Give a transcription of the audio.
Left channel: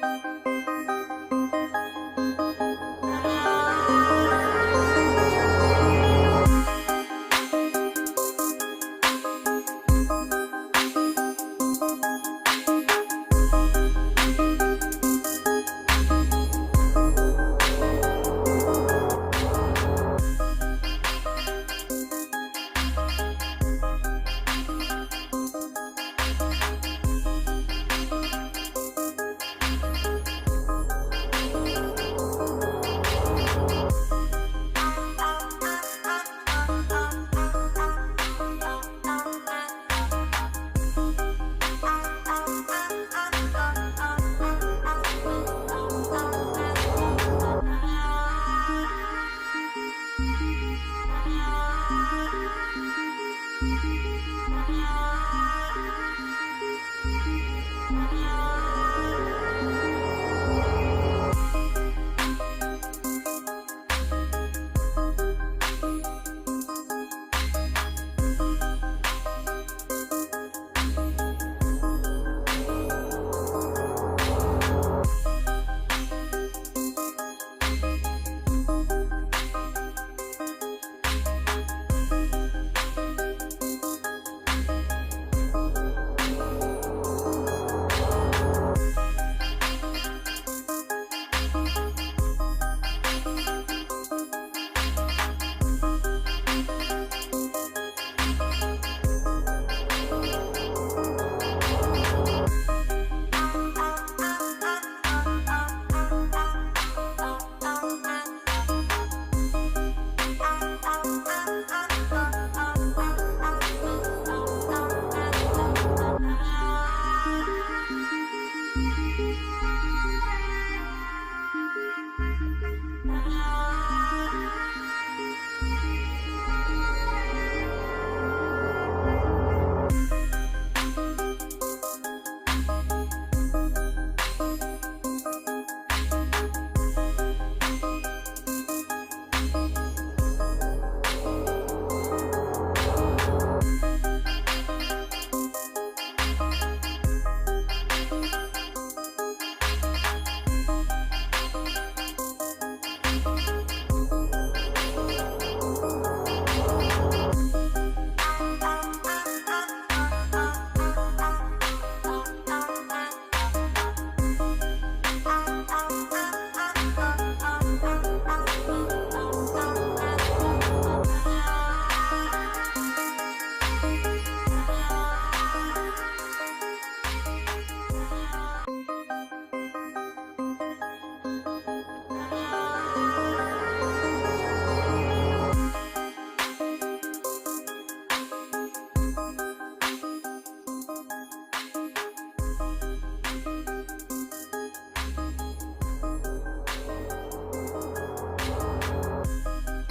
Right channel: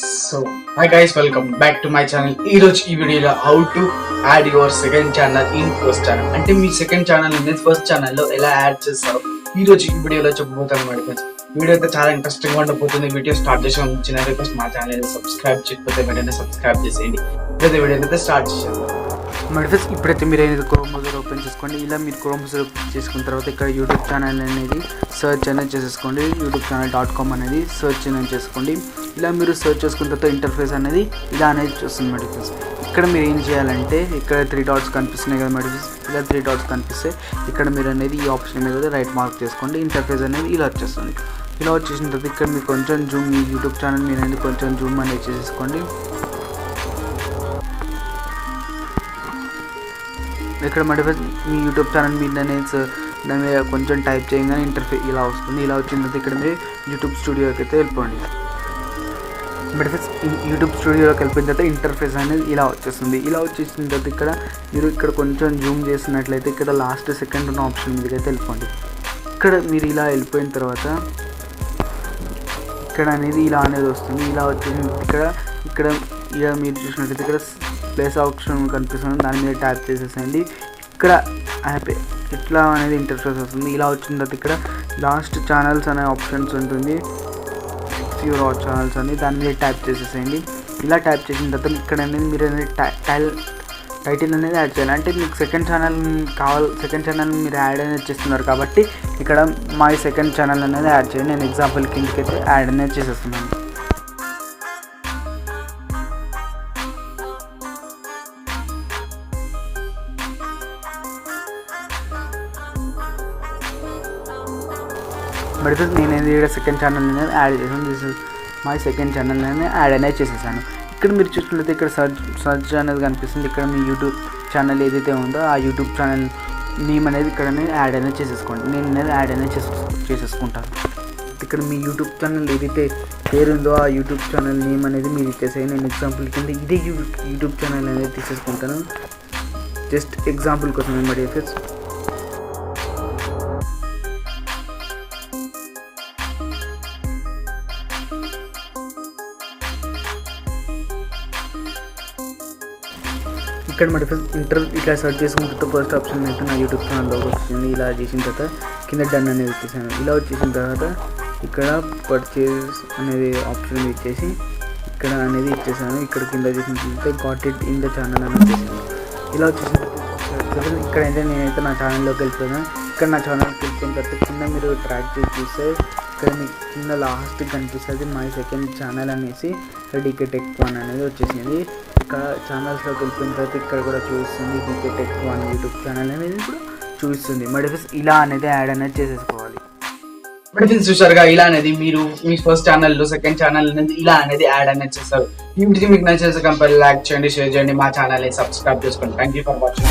So, hi guys, welcome back to my channel. ఈ వీడియోలో how to add your second channel in first channel. అంటే మీ second channel ని first ఛానల్లో ఎలా add చేస్తారో ఈ వీడియోలో చెప్పబోతాను మేడం. వీడియో అయితే చాలా ఇంట్రెస్టింగ్ గా ఉండబోతుంది. వీడియో స్టార్ట్ చేసే ముందు ఫస్ట్ మా ఛానల్ సబ్స్క్రైబ్ చేయకపోతే వెంటనే సబ్స్క్రైబ్ చేసేయండి. ఇప్పుడైతే వీడియో అయితే స్టార్ట్ చేసేద్దాం. మెడిఫెస్ ఇప్పుడైతే మీరు అనేది క్రోమ్ బ్రౌజర్ ఓపెన్ చేసుకోండి. ఇలా మీరు క్రోమ్ బ్రౌజర్ ఓపెన్ చేసుకున్న తర్వాత ఇక్కడ యూట్యూబ్ ఛానల్ అనేది సెర్చ్ అనేది చేసేసుకోండి. youtube.com అనేది సెర్చ్ అనేది చేసుకోండి. ఇలా మీరు సెర్చ్ చేసుకున్న తర్వాత ఇంటర్ఫేస్ అనేది ఇలా అనేది చూస్తుంది మెడిఫెస్. ఇక్కడ మీరు ఏం చేయాలంటే ఇక్కడ 3 డాట్స్ కనిపిస్తున్నాయి కదా మెడిఫెస్. ఇలా 3 డాట్స్ కనిపిస్తే ఇక్కడ మీరు అనేది ఈ ఆప్షన్ మీద రైట్ మార్క్ చేసుకోండి. ఇంటర్ఫేస్ అనేది ఇలా వచ్చేస్తుంది. ఇలా వచ్చేసిన తర్వాత ఇక్కడ మీరు కొంచెం జూమ్ మీ యూట్యూబ్ ఛానల్ మీరు అనేది కొంచెం జూమ్ అనేది చేసేసుకోండి. ఇక్కడ మెడిఫెస్ మీ యూట్యూబ్ ఛానల్ మీద దాని మీద కొంచెం టైప్ చేయగానే ఇంటర్ఫేస్ ఇలా వస్తుంది. ఇలా వచ్చిన తర్వాత ఇక్కడ మీరు యూట్యూబ్ స్టూడియోకి అయితే వెళ్ళిపోండి. మెడిఫెస్ యూట్యూబ్ స్టూడియోకి వెళ్ళిపోయిన తర్వాత ఇంటర్ఫేస్ అనేది ఇలా వచ్చేస్తుంది. ఇలా వచ్చేసిన తర్వాత ఇక్కడ మీరు ఇక్కడ కొంచెం జూమ్ చేసినట్లయితే ఇక్కడ లాస్ట్ సెకండ్ ఉన్న ఆప్షన్ మీదకి అయితే వెళ్ళిపోండి. ఇక్కడ మీరు ఇలా వెళ్ళిపోయిన తర్వాత ఇక్కడ అనేది ఇలా అనేది వస్తుంది. ఇలా వచ్చేసిన ఇక్కడ ఇక మీరు చూసినట్లయితే ఇక్కడ ప్లేస్ ఆప్షన్ కనిపిస్తుంది. దాని మీద ట్యాప్ చేసేసండి. ఇక్కడ యాప్ ఇట్లా అనేది ఇంటర్ఫేస్ వస్తుంది. ఇలా వచ్చిన తర్వాత ఇక్కడ లాస్ట్ ఛానల్స్ అనే ఆప్షన్స్ ఉంటుంది. యూర్ వాచ్ ఛానల్స్ అని దాని మీద ట్యాప్ చేసేసేయండి. ఇలా ట్యాప్ చేసిన తర్వాత ఇక్కడ అనేది మీరు అనేది టైటిల్ అనేది యాడ్ చేయాలి. అంటే మీకు సెకండ్ ఛానల్ మీరు యాడ్ అనేది చేస్తున్నారు కాబట్టి ఇక్కడ మై సెకండ్ ఛానల్ అనేది యాడ్ చేయండి. నేను ఎగ్జాంపుల్ కిందకి అయితే యాడ్ అనేది చేసేస్తున్నాను. బట్ నేనేది ఇక్కడ సెకండ్ ఛానల్ అనేది యాడ్ చేసాను. This is my second channel అనేది యాడ్ అనేది చేసేసాను. ఇక్కడ మీరు చూసినట్లయితే ఇక్కడ సర్చ్ అనేది కనిపిస్తుంది. ఇక్కడ మీ యూట్యూబ్ ఛానల్ ఏదైతే ఉందో ఆ యూట్యూబ్ ఛానల్ నేమ్ అనేది ఇక్కడ యాడ్ అనేది చేసేసుకోండి. నేను అనేది యాడ్ అనేది చేసేసుకుంటాను. ఇక్కడ మీ యూట్యూబ్ ఛానల్ ఏదైతే పేరు ఉందో ఆ యూట్యూబ్ ఛానల్ నేమ్ అనేది మీరు ఇచ్చేసేయండి. నేను ఎగ్జాంపుల్ కింద ఇదే యూట్యూబ్ ఛానల్ అనేది తీసేసుకుంటాను. జస్ట్ ఎగ్జాంపుల్ కోసం అనమాట. ఇక్కడ మరి ఇట్లా సెర్చ్ చేసుకున్న తర్వాత ఫస్ట్ ఆప్షన్ అయితే నా యూట్యూబ్ ఛానల్లోకి వచ్చింది. ఇలా చేసిన తర్వాత కింద డన్ అనేది ఇచ్చేసాను. ఇలా వచ్చేసిన తర్వాత ఇక్కడ పర్చేస్ అనేది ఆప్షన్ ఇచ్చేసి ఇక్కడ అనేది ఇచ్చేసాను. ఇక్కడ కింద చేసిన got it in the channel అనేది చేసాను. ఇలా వచ్చేసిన ఇక్కడైతే నేనైతే నా ఛానల్లోకి వెళ్ళిపోయాను. ఇక్కడ నా ఛానల్కి వెళ్ళిపోయిన తర్వాత కింద మీరు ట్రాక్ చేసి చూస్తే ఇక్కడ మీకు కింద లాస్ట్ కనిపిస్తుంది మై సెకండ్ ఛానల్ అనేసి డీకే టెక్ 1 అనేది వచ్చేసింది. ఇక్కడ ఛానల్స్లోకి వెళ్ళిపోయిన తర్వాత ఇక్కడ కూడా చూపిస్తుంది డీకే టెక్ 1 యూట్యూబ్ ఛానల్ అనేది కూడా చూపిస్తుంది. మెడిఫెస్ ఇలా అనేది యాడ్ అనేది చేసేసుకోవాలి. మెడిఫెస్ చూసారుగా, ఇలా అనేది మీరు మీ ఫస్ట్ ఛానల్లో సెకండ్ ఛానల్ అనేది ఇలా అనేది యాడ్ అనేది చేస్తారు. ఈ వీడియో మీకు నచ్చితే కంపల్సరీ లైక్ చేయండి, షేర్ చేయండి, మా ఛానల్ ని సబ్స్క్రైబ్ చేసుకోండి. Thank you for watching.